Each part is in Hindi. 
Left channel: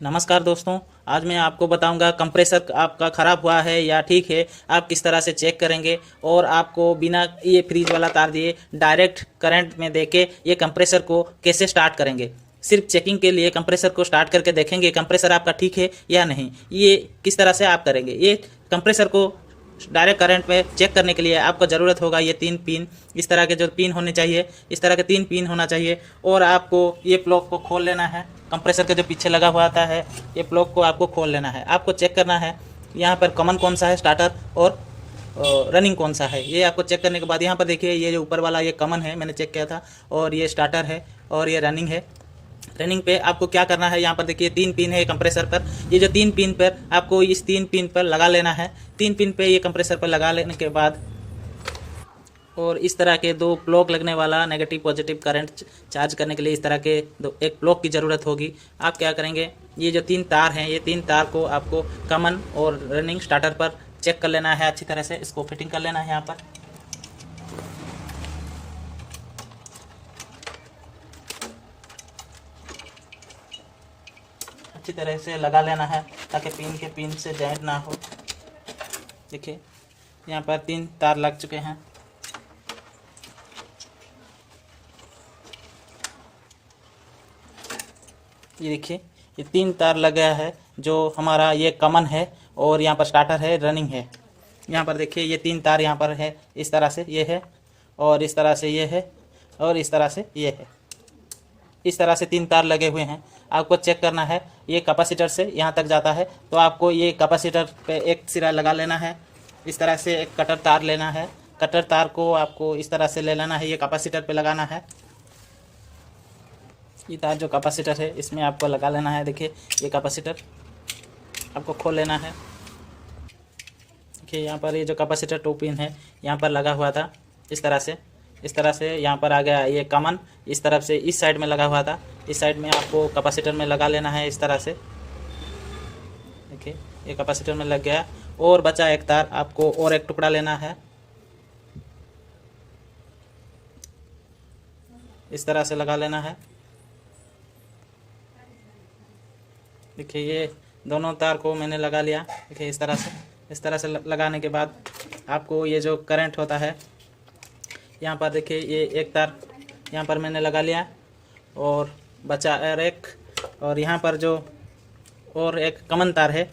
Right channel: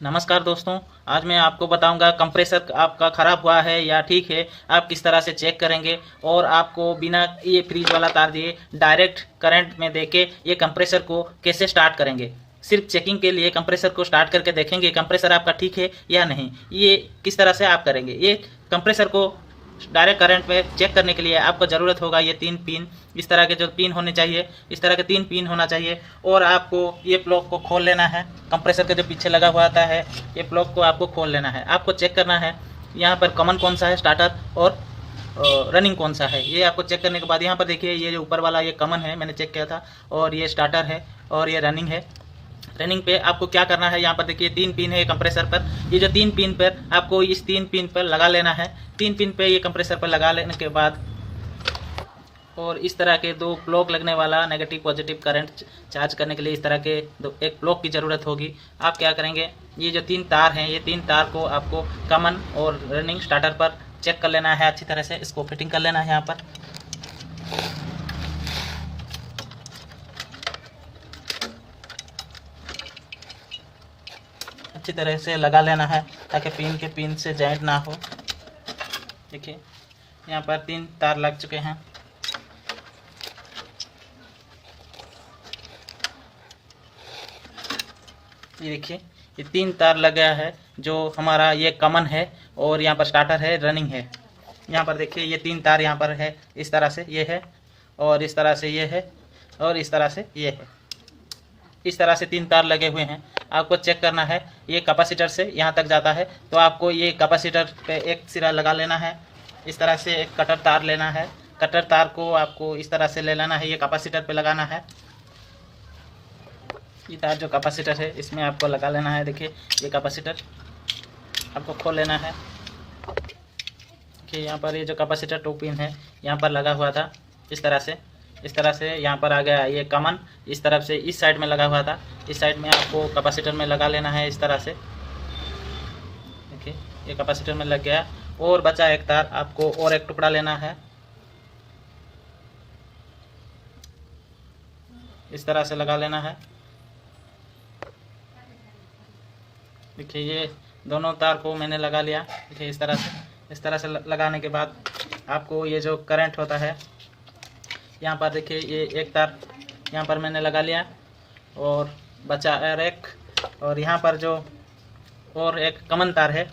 नमस्कार दोस्तों। आज मैं आपको बताऊंगा कंप्रेसर आपका ख़राब हुआ है या ठीक है, आप किस तरह से चेक करेंगे और आपको बिना ये फ्रीज वाला तार दिए डायरेक्ट करंट में देके ये कंप्रेसर को कैसे स्टार्ट करेंगे। सिर्फ चेकिंग के लिए कंप्रेसर को स्टार्ट करके देखेंगे कंप्रेसर आपका ठीक है या नहीं। ये किस तरह से आप करेंगे। ये कंप्रेसर को डायरेक्ट करंट में चेक करने के लिए आपको ज़रूरत होगा ये 3 पिन। इस तरह के जो पिन होने चाहिए, इस तरह के 3 पिन होना चाहिए। और आपको ये प्लग को खोल लेना है। कंप्रेसर के जो पीछे लगा हुआ आता है ये प्लग को आपको खोल लेना है। आपको चेक करना है यहाँ पर कॉमन कौन सा है, स्टार्टर और रनिंग कौन सा है। ये आपको चेक करने के बाद यहाँ पर देखिए, ये जो ऊपर वाला ये कॉमन है, मैंने चेक किया था, और ये स्टार्टर है और ये रनिंग है। रनिंग पे आपको क्या करना है, यहाँ पर देखिए 3 पिन है कंप्रेसर पर। ये जो 3 पिन पर आपको इस 3 पिन पर लगा लेना है। 3 पिन पे ये कंप्रेसर पर लगा लेने के बाद और इस तरह के 2 प्लग लगने वाला नेगेटिव पॉजिटिव करंट चार्ज करने के लिए इस तरह के एक प्लग की ज़रूरत होगी। आप क्या करेंगे, ये जो 3 तार हैं, ये 3 तार को आपको कॉमन और रनिंग स्टार्टर पर चेक कर लेना है। अच्छी तरह से इसको फिटिंग कर लेना है। यहाँ पर अच्छी तरह से लगा लेना है ताकि पिन के पिन से जॉइंट ना हो। देखिए यहाँ पर 3 तार लग चुके हैं। ये देखिए ये 3 तार लग गया है। जो हमारा ये कॉमन है और यहाँ पर स्टार्टर है, रनिंग है। यहाँ पर देखिए ये 3 तार यहाँ पर है, इस तरह से ये है, और इस तरह से ये है, और इस तरह से ये है। इस तरह से 3 तार लगे हुए हैं। आपको चेक करना है ये कैपेसिटर से यहाँ तक जाता है, तो आपको ये कैपेसिटर पे एक सिरा लगा लेना है। इस तरह से एक कटर तार लेना है। कटर तार को आपको इस तरह से ले लेना है, ये कैपेसिटर पे लगाना है। ये तार जो कैपेसिटर है इसमें आपको लगा लेना है। देखिए ये कैपेसिटर आपको खोल लेना है। देखिए यहाँ पर ये जो कैपेसिटर 2 पिन है यहाँ पर लगा हुआ था, इस तरह से यहाँ पर आ गया ये कॉमन। इस तरफ से इस साइड में लगा हुआ था, इस साइड में आपको कैपेसिटर में लगा लेना है इस तरह से। देखिए ये कैपेसिटर में लग गया और बचा एक तार, आपको और एक टुकड़ा लेना है। इस तरह से लगा लेना है। देखिए ये दोनों तार को मैंने लगा लिया। देखिए इस तरह से लगाने के बाद आपको ये जो करंट होता है यहाँ पर देखिए ये एक तार यहाँ पर मैंने लगा लिया और बचा और एक, और यहाँ पर जो और एक कॉमन तार है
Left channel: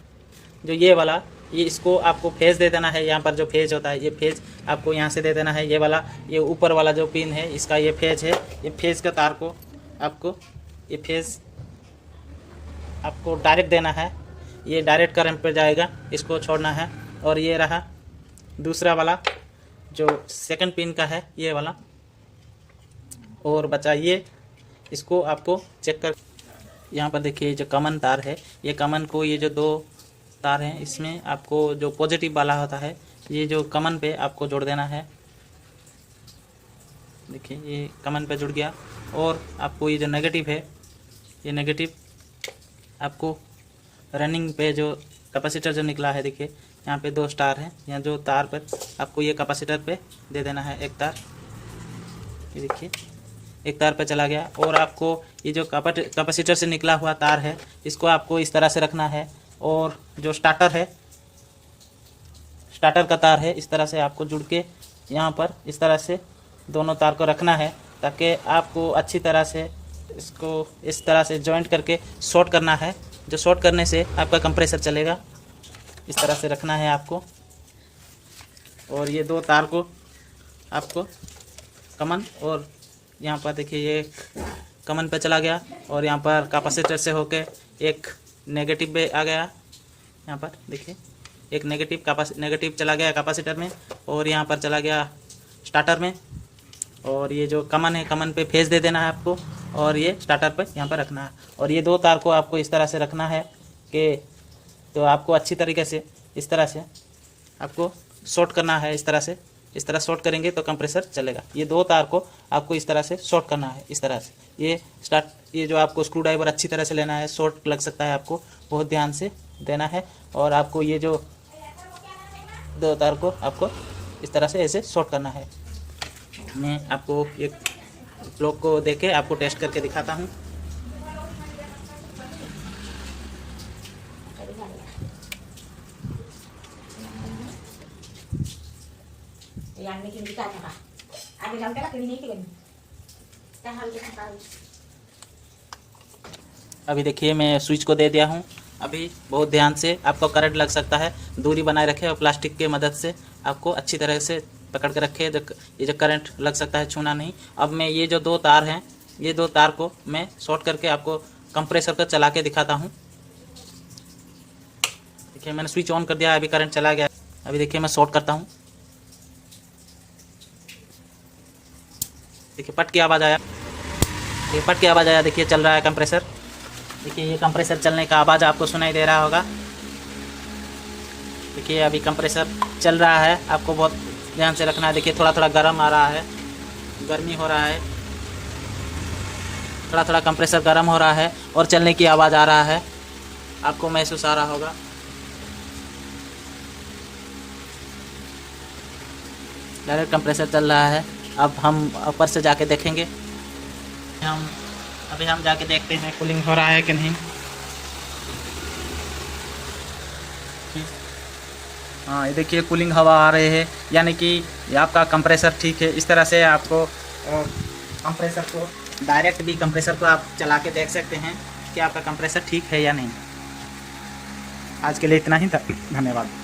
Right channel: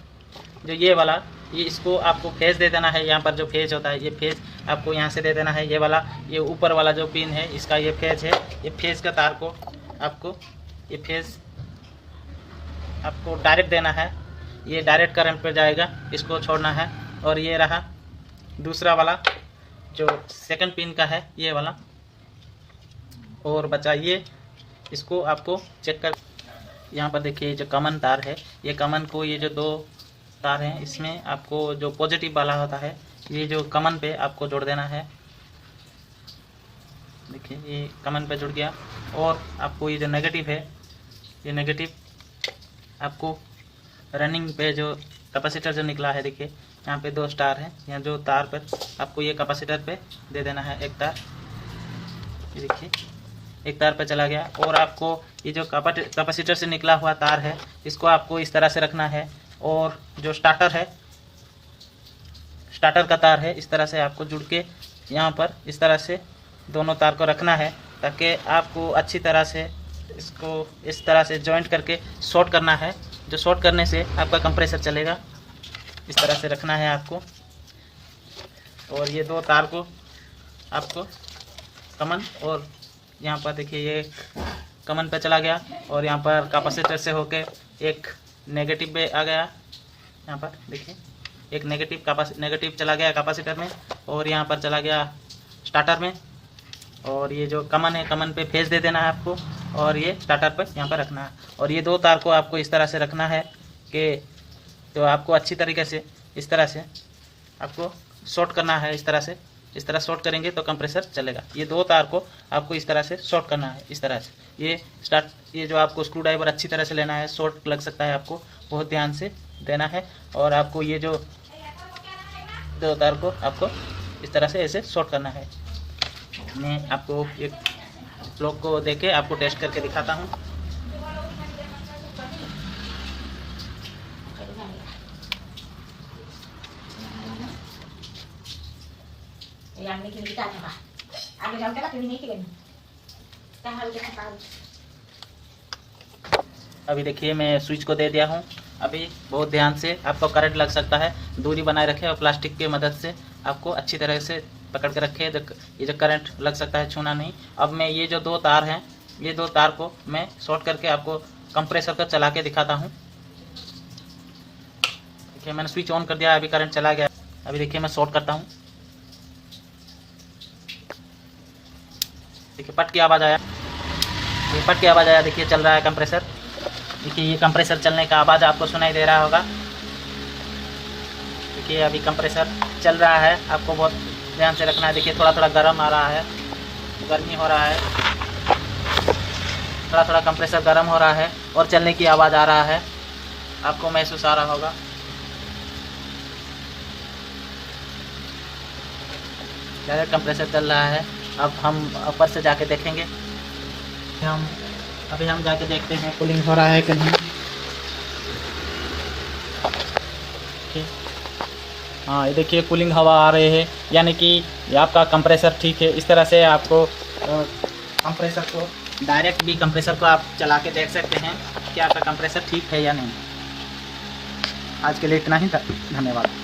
जो ये वाला, ये इसको आपको फेज दे देना है। यहाँ पर जो फेज होता है ये फेज आपको यहाँ से दे देना है। ये वाला, ये ऊपर वाला जो पिन है इसका ये फेज है। ये फेज का तार को आपको ये फेज आपको डायरेक्ट देना है। ये डायरेक्ट करंट पे जाएगा, इसको छोड़ना है। और ये रहा दूसरा वाला जो सेकंड पिन का है, ये वाला, और बचा ये, इसको आपको चेक कर। यहाँ पर देखिए जो कॉमन तार है, ये कॉमन को ये जो 2 तार हैं इसमें आपको जो पॉजिटिव वाला होता है ये जो कॉमन पे आपको जोड़ देना है। देखिए ये कॉमन पे जुड़ गया। और आपको ये जो नेगेटिव है, ये नेगेटिव आपको रनिंग पे जो कैपेसिटर जो निकला है, देखिए यहाँ पे 2 स्टार हैं, यहाँ जो तार पर आपको ये कैपेसिटर पे दे देना है एक तार। ये देखिए एक तार पे चला गया। और आपको ये जो कैपेसिटर से निकला हुआ तार है इसको आपको इस तरह से रखना है। और जो स्टार्टर है, स्टार्टर का तार है, इस तरह से आपको जुड़ के यहाँ पर इस तरह से दोनों तार को रखना है ताकि आपको अच्छी तरह से इसको इस तरह से जॉइंट करके शॉर्ट करना है। जो शॉर्ट करने से आपका कंप्रेसर चलेगा। इस तरह से रखना है आपको। और ये 2 तार को आपको कॉमन, और यहाँ पर देखिए ये कॉमन पे चला गया और यहाँ पर कैपेसिटर से होके एक नेगेटिव पे आ गया। यहाँ पर देखिए एक नेगेटिव चला गया कैपेसिटर में, और यहाँ पर चला गया स्टार्टर में। और ये जो कॉमन है, कॉमन पे फेज दे देना है आपको, और ये स्टार्टर पर यहाँ पर रखना है। और ये 2 तार को आपको इस तरह से रखना है कि तो आपको अच्छी तरीके से इस तरह से आपको शॉर्ट करना है। इस तरह शॉर्ट करेंगे तो कंप्रेसर चलेगा। ये 2 तार को आपको इस तरह से शॉर्ट करना है। इस तरह से ये जो आपको स्क्रू ड्राइवर अच्छी तरह से लेना है, शॉर्ट लग सकता है, आपको बहुत ध्यान से देना है। और आपको ये जो 2 तार को आपको इस तरह से ऐसे शॉर्ट करना है। मैं आपको एक प्लग को देके आपको टेस्ट करके दिखाता हूँ। अभी देखिए मैं स्विच को दे दिया हूँ। अभी बहुत ध्यान से, आपको करंट लग सकता है, दूरी बनाए रखें और प्लास्टिक की मदद से आपको अच्छी तरह से पकड़ के रखें। ये जो करंट लग सकता है, छूना नहीं। अब मैं ये जो 2 तार हैं, ये 2 तार को मैं शॉर्ट करके आपको कंप्रेसर को चला के दिखाता हूँ। देखिए मैंने स्विच ऑन कर दिया, अभी करंट चला गया। अभी देखिए मैं शॉर्ट करता हूँ। देखिए पट की आवाज़ आया, ये पट की आवाज़ आया। देखिए चल रहा है कंप्रेसर। देखिए ये कंप्रेसर चलने का आवाज़ आपको सुनाई दे रहा होगा। देखिए अभी कंप्रेसर चल रहा है, आपको बहुत ध्यान से रखना है। देखिए थोड़ा थोड़ा गर्म आ रहा है, गर्मी हो रहा है, थोड़ा थोड़ा कंप्रेसर गर्म हो रहा है और चलने की आवाज़ आ रहा है, आपको महसूस आ रहा होगा। डायरेक्ट कंप्रेसर चल रहा है। अब हम ऊपर से जाके देखेंगे। अभी हम जाके देखते हैं कूलिंग हो रहा है कि नहीं। हाँ ये देखिए कूलिंग हवा आ रही है, यानी कि ये आपका कंप्रेसर ठीक है। इस तरह से आपको कंप्रेसर को डायरेक्ट भी कंप्रेसर को आप चला के देख सकते हैं कि आपका कंप्रेसर ठीक है या नहीं। आज के लिए इतना ही था, धन्यवाद।